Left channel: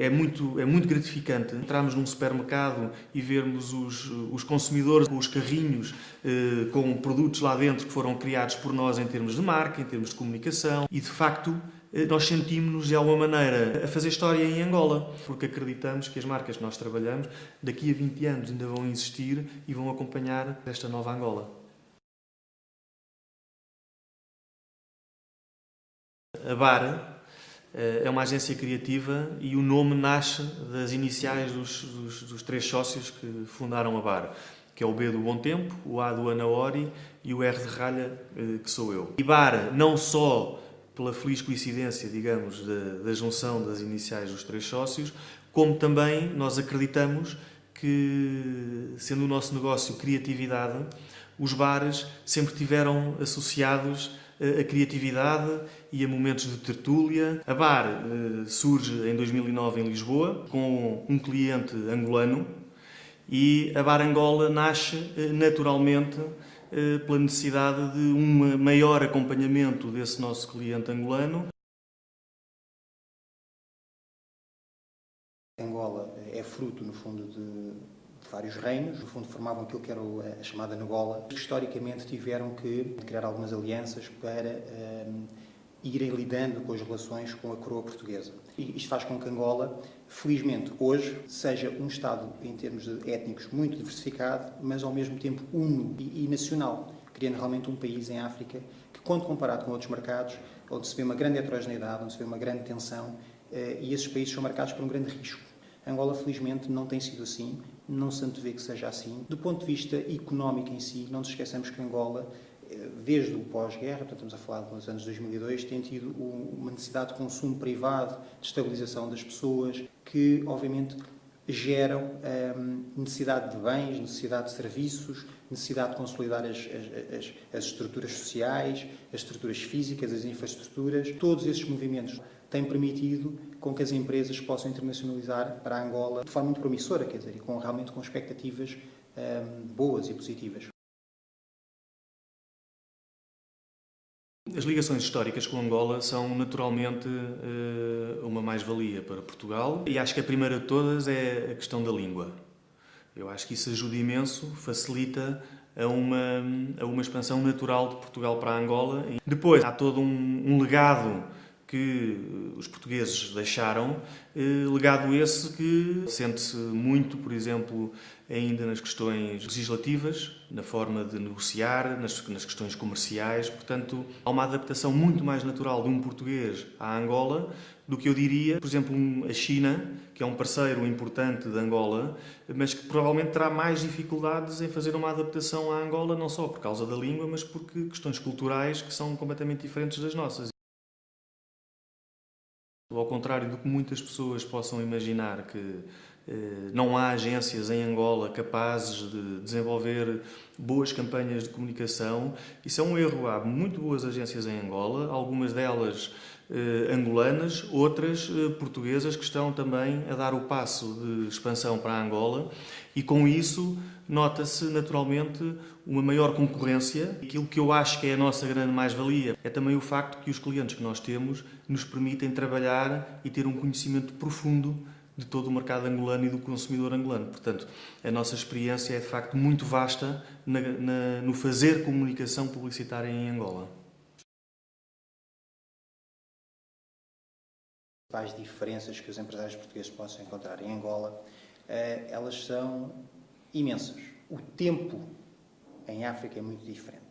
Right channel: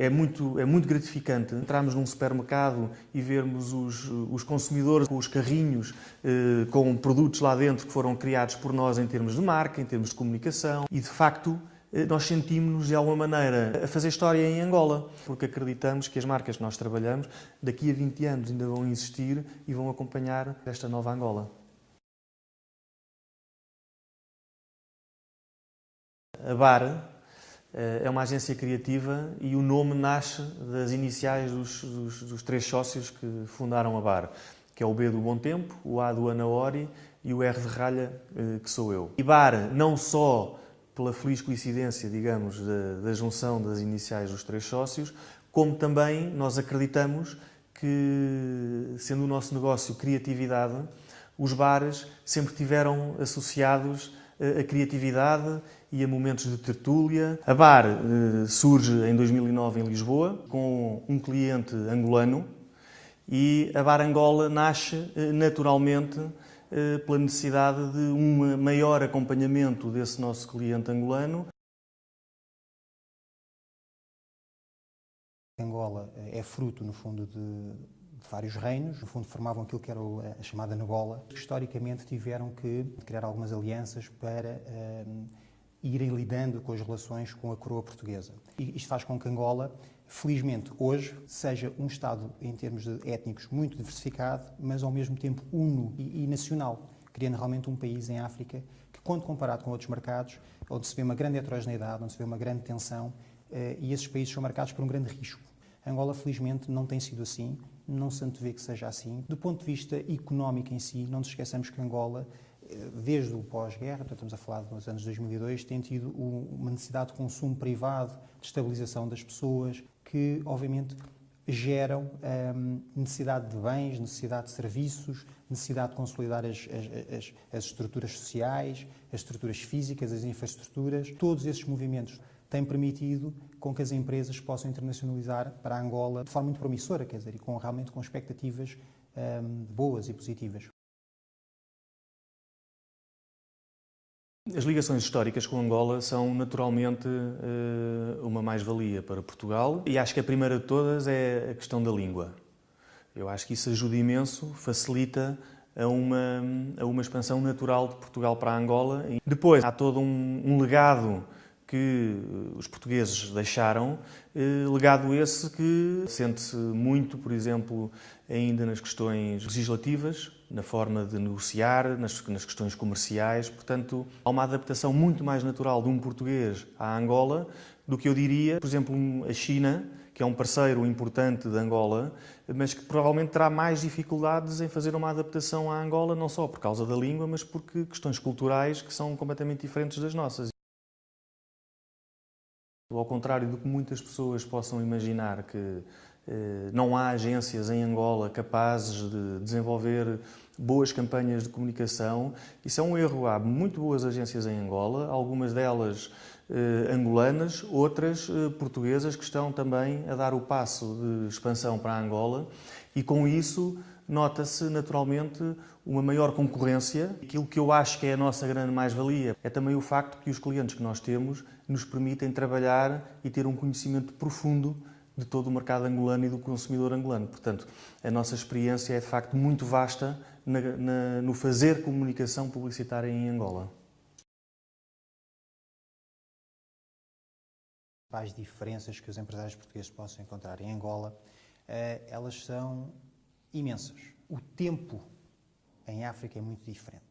É muito gratificante entrarmos num supermercado e vermos os consumidores com os carrinhos com produtos lá dentro que foram criados por nós em termos de marca, em termos de comunicação e, de facto, nós sentimos-nos de alguma maneira a fazer história em Angola, porque acreditamos que as marcas que nós trabalhamos daqui a 20 anos ainda vão existir e vão acompanhar esta nova Angola. A BAR é uma agência criativa e o nome nasce das iniciais dos três sócios que fundaram a BAR, que é o B do Bom Tempo, o A do Anaori e o R de Ralha, que sou eu. E BAR, não só pela feliz coincidência, digamos, da junção das iniciais dos três sócios, como também nós acreditamos que, sendo o nosso negócio criatividade, os bares sempre tiveram associados a criatividade e a momentos de tertúlia. A BAR surge em 2009 em Lisboa, com um cliente angolano, e a BAR Angola nasce naturalmente pela necessidade de um maior acompanhamento desse nosso cliente angolano. Angola é fruto, no fundo, de vários reinos, no fundo formavam aquilo que era a chamada Angola, que historicamente tiveram que criar algumas alianças para irem lidando com as relações com a coroa portuguesa. E isto faz com que Angola, felizmente, hoje, seja um Estado, em termos de étnicos, muito diversificado, mas ao mesmo tempo uno e nacional, criando realmente um país em África que, quando comparado com outros mercados, onde se vê uma grande heterogeneidade, onde se vê uma grande tensão, e esses países são marcados por um grande risco. Angola, felizmente, não tem sido assim, não se antevê que seja assim. Do ponto de vista económico em si, não nos esqueçamos que Angola, desde o pós-guerra, portanto estamos a falar dos anos 2002, tem tido uma necessidade de consumo privado, de estabilização das pessoas, que obviamente geram necessidade de bens, necessidade de serviços, necessidade de consolidar as estruturas sociais, as estruturas físicas, as infraestruturas. Todos esses movimentos têm permitido com que as empresas possam internacionalizar para a Angola de forma muito promissora, quer dizer, e realmente com expectativas boas e positivas. As ligações históricas com Angola são naturalmente uma mais-valia para Portugal e acho que a primeira de todas é a questão da língua. Eu acho que isso ajuda imenso, facilita a uma expansão natural de Portugal para a Angola. Depois há todo um legado que os portugueses deixaram, legado esse que sente-se muito, por exemplo, ainda nas questões legislativas, na forma de negociar, nas questões comerciais. Portanto, há uma adaptação muito mais natural de um português à Angola do que eu diria, por exemplo, a China, que é um parceiro importante de Angola, mas que provavelmente terá mais dificuldades em fazer uma adaptação à Angola, não só por causa da língua, mas porque questões culturais que são completamente diferentes das nossas. Ao contrário do que muitas pessoas possam imaginar, que não há agências em Angola capazes de desenvolver boas campanhas de comunicação, isso é um erro. Há muito boas agências em Angola, algumas delas angolanas, outras portuguesas que estão também a dar o passo de expansão para a Angola e com isso nota-se naturalmente uma maior concorrência. Aquilo que eu acho que é a nossa grande mais-valia é também o facto que os clientes que nós temos nos permitem trabalhar e ter um conhecimento profundo de todo o mercado angolano e do consumidor angolano. Portanto, a nossa experiência é de facto muito vasta no fazer comunicação publicitária em Angola. As diferenças que os empresários portugueses possam encontrar em Angola, elas são imensas. O tempo em África é muito diferente.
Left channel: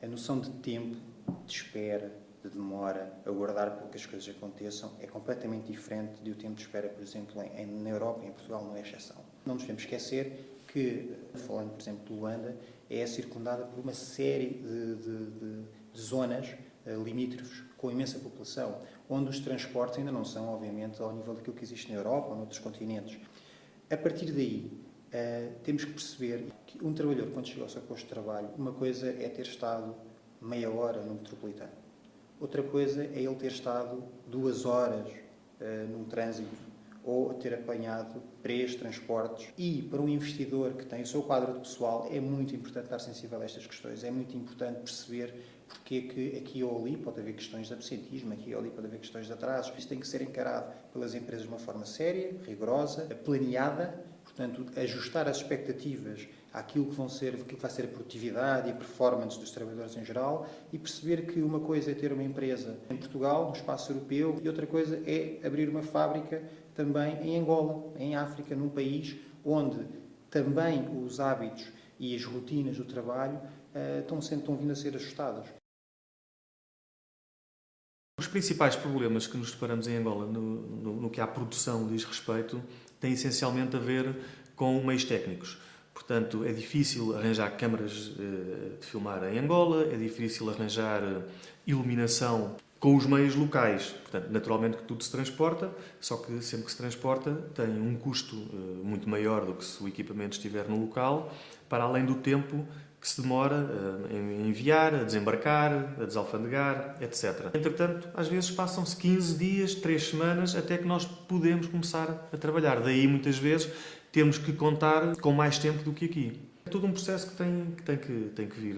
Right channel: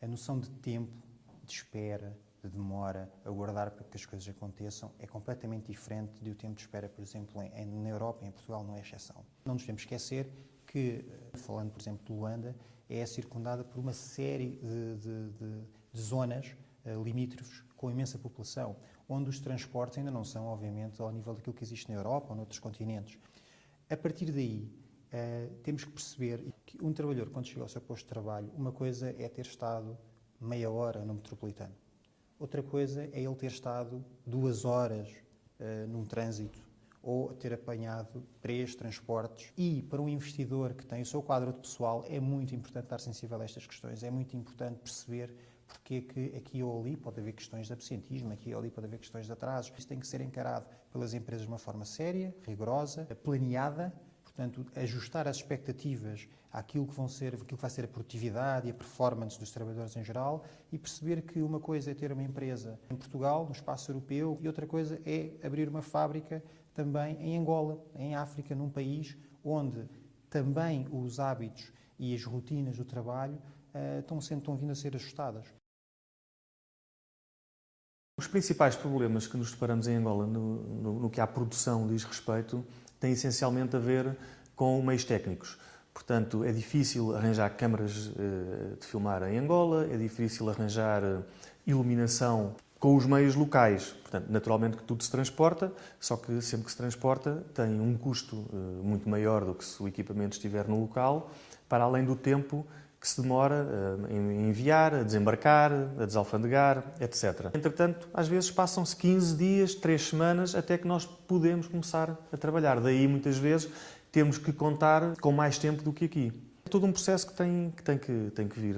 A noção de tempo, de espera, de demora, aguardar para que as coisas aconteçam, é completamente diferente do tempo de espera, por exemplo, na Europa e em Portugal não é exceção. Não nos devemos esquecer que, falando, por exemplo, de Luanda, é circundada por uma série de zonas limítrofes com imensa população, onde os transportes ainda não são, obviamente, ao nível daquilo que existe na Europa ou noutros continentes. A partir daí, temos que perceber que um trabalhador, quando chega ao seu posto de trabalho, uma coisa é ter estado meia hora no metropolitano. Outra coisa é ele ter estado 2 horas num trânsito ou ter apanhado 3 transportes. E para um investidor que tem o seu quadro de pessoal é muito importante estar sensível a estas questões. É muito importante perceber porque é que aqui ou ali pode haver questões de absentismo, aqui ou ali pode haver questões de atrasos. Isso tem que ser encarado pelas empresas de uma forma séria, rigorosa, planeada, portanto, ajustar as expectativas àquilo que vai ser a produtividade e a performance dos trabalhadores em geral e perceber que uma coisa é ter uma empresa em Portugal, no espaço europeu, e outra coisa é abrir uma fábrica também em Angola, em África, num país onde também os hábitos e as rotinas do trabalho estão vindo a ser ajustadas. Os principais problemas que nos deparamos em Angola no que à produção diz respeito têm essencialmente a ver com meios técnicos. Portanto, é difícil arranjar câmaras de filmar em Angola, é difícil arranjar iluminação com os meios locais. Portanto, naturalmente que tudo se transporta, só que sempre que se transporta tem um custo muito maior do que se o equipamento estiver no local, para além do tempo que se demora a enviar, a desembarcar, a desalfandegar, etc. Entretanto, às vezes passam-se 15 dias, 3 semanas, até que nós podemos começar a trabalhar. Daí, muitas vezes, temos que contar com mais tempo do que aqui. É todo um processo que tem que vir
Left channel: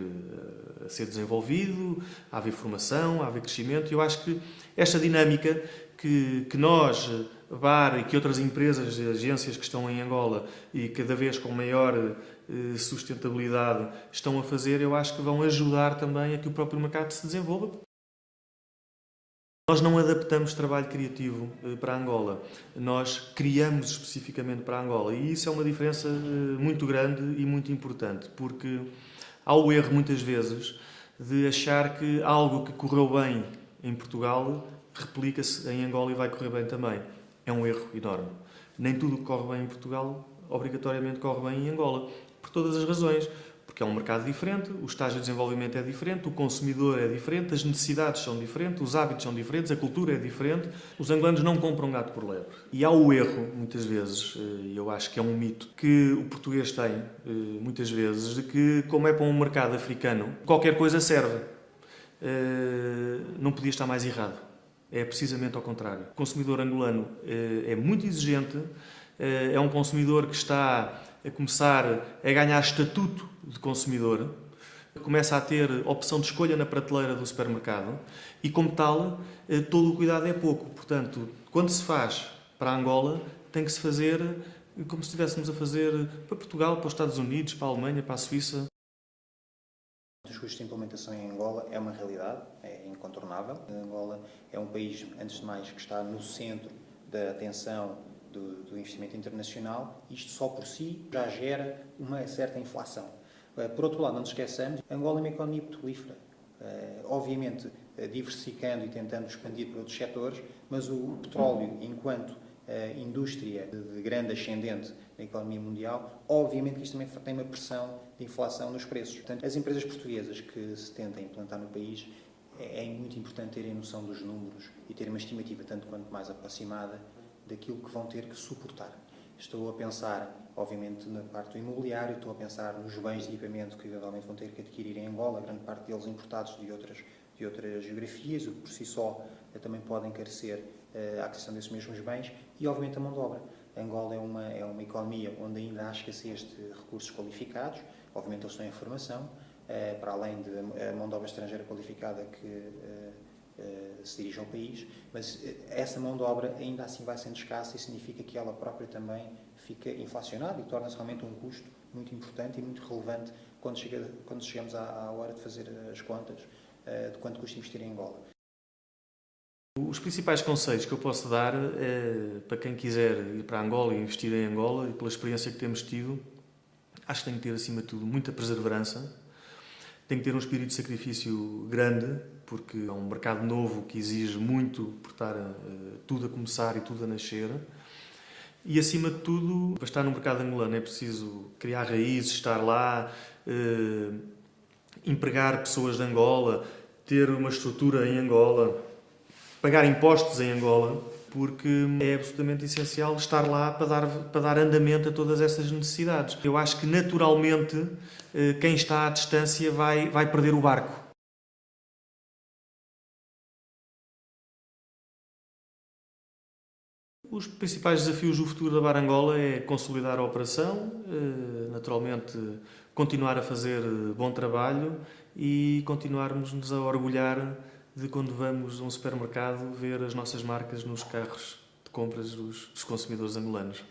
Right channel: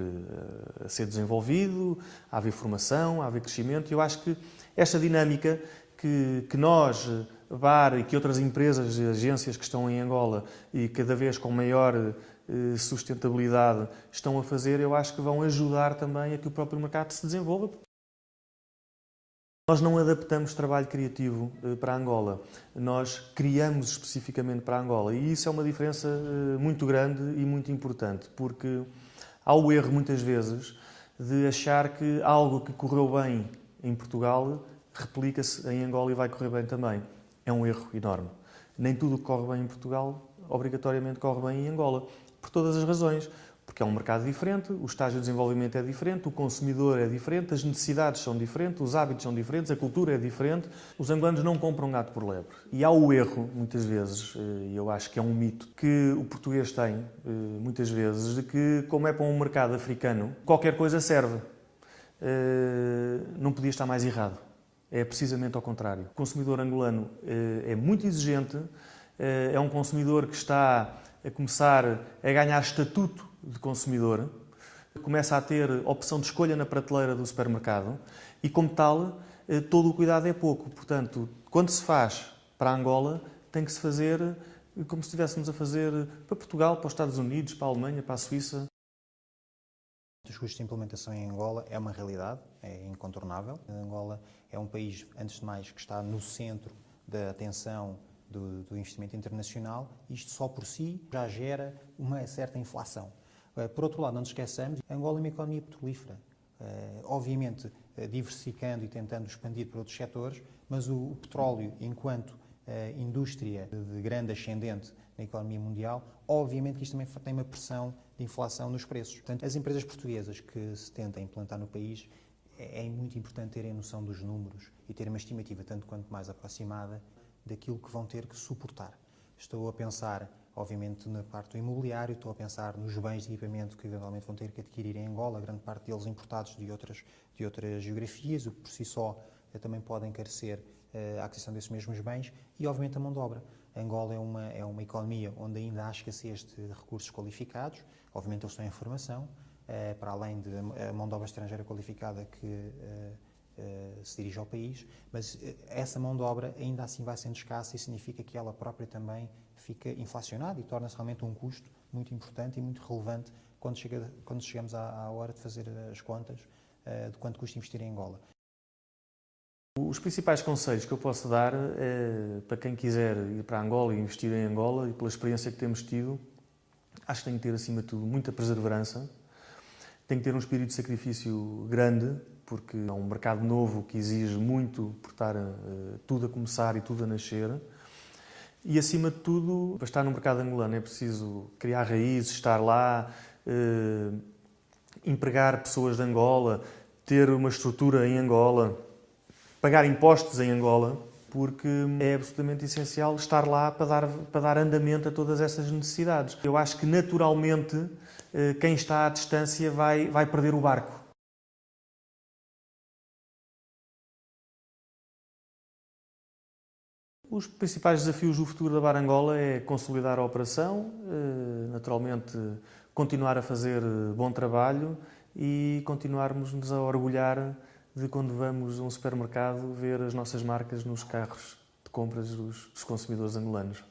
a ser desenvolvido, a haver formação, a haver crescimento, e eu acho que esta dinâmica que nós, BAR e que outras empresas e agências que estão em Angola e cada vez com maior sustentabilidade estão a fazer, eu acho que vão ajudar também a que o próprio mercado se desenvolva. Nós não adaptamos trabalho criativo para Angola, nós criamos especificamente para Angola, e isso é uma diferença muito grande e muito importante, porque há o erro muitas vezes de achar que algo que correu bem em Portugal replica-se em Angola e vai correr bem também. É um erro enorme. Nem tudo que corre bem em Portugal obrigatoriamente corre bem em Angola, por todas as razões. Porque é um mercado diferente, o estágio de desenvolvimento é diferente, o consumidor é diferente, as necessidades são diferentes, os hábitos são diferentes, a cultura é diferente. Os angolanos não compram gato por lebre. E há o erro, muitas vezes, e eu acho que é um mito, que o português tem, muitas vezes, de que, como é para um mercado africano, qualquer coisa serve. Não podia estar mais errado. É precisamente ao contrário. O consumidor angolano é muito exigente, é um consumidor que está a começar a ganhar estatuto de consumidor, começa a ter opção de escolha na prateleira do supermercado e, como tal, todo o cuidado é pouco. Portanto, quando se faz para Angola, tem que se fazer como se estivéssemos a fazer para Portugal, para os Estados Unidos, para a Alemanha, para a Suíça. Os custos de implementação em Angola é uma realidade, é incontornável. Angola é um país, antes de mais, que está no centro da atenção do investimento internacional. Isto só por si já gera uma certa inflação. Por outro lado, não nos esqueçamos, Angola é uma economia petrolífera. Obviamente, diversificando e tentando expandir para outros setores, mas o petróleo, enquanto indústria de grande ascendente na economia mundial, obviamente que isto também tem uma pressão de inflação nos preços. Portanto, as empresas portuguesas que se tentem implantar no país, é muito importante terem noção dos números e terem uma estimativa tanto quanto mais aproximada daquilo que vão ter que suportar. Estou a pensar, obviamente, na parte do imobiliário, estou a pensar nos bens de equipamento que eventualmente vão ter que adquirir em Angola, grande parte deles importados de outras geografias, o que por si só também pode encarecer a aquisição desses mesmos bens, e obviamente a mão de obra. Angola é uma economia onde ainda há escassez de recursos qualificados, obviamente eles estão em formação, para além de a mão de obra estrangeira qualificada que se dirige ao país, mas essa mão de obra ainda assim vai sendo escassa e significa que ela própria também fica inflacionada e torna-se realmente um custo muito importante e muito relevante quando chegamos à hora de fazer as contas de quanto custa investir em Angola. Os principais conselhos que eu posso dar para quem quiser ir para Angola e investir em Angola, e pela experiência que temos tido, acho que tem que ter, acima de tudo, muita perseverança, tem que ter um espírito de sacrifício grande, porque é um mercado novo que exige muito por estar tudo a começar e tudo a nascer. E, acima de tudo, para estar no mercado angolano é preciso criar raízes, estar lá, empregar pessoas de Angola, ter uma estrutura em Angola, pagar impostos em Angola, porque é absolutamente essencial estar lá para dar andamento a todas essas necessidades. Eu acho que, naturalmente, quem está à distância vai perder o barco. Os principais desafios do futuro da BAR Angola é consolidar a operação, naturalmente continuar a fazer bom trabalho e continuarmos-nos a orgulhar de quando vamos a um supermercado ver as nossas marcas nos carros de compras dos consumidores angolanos.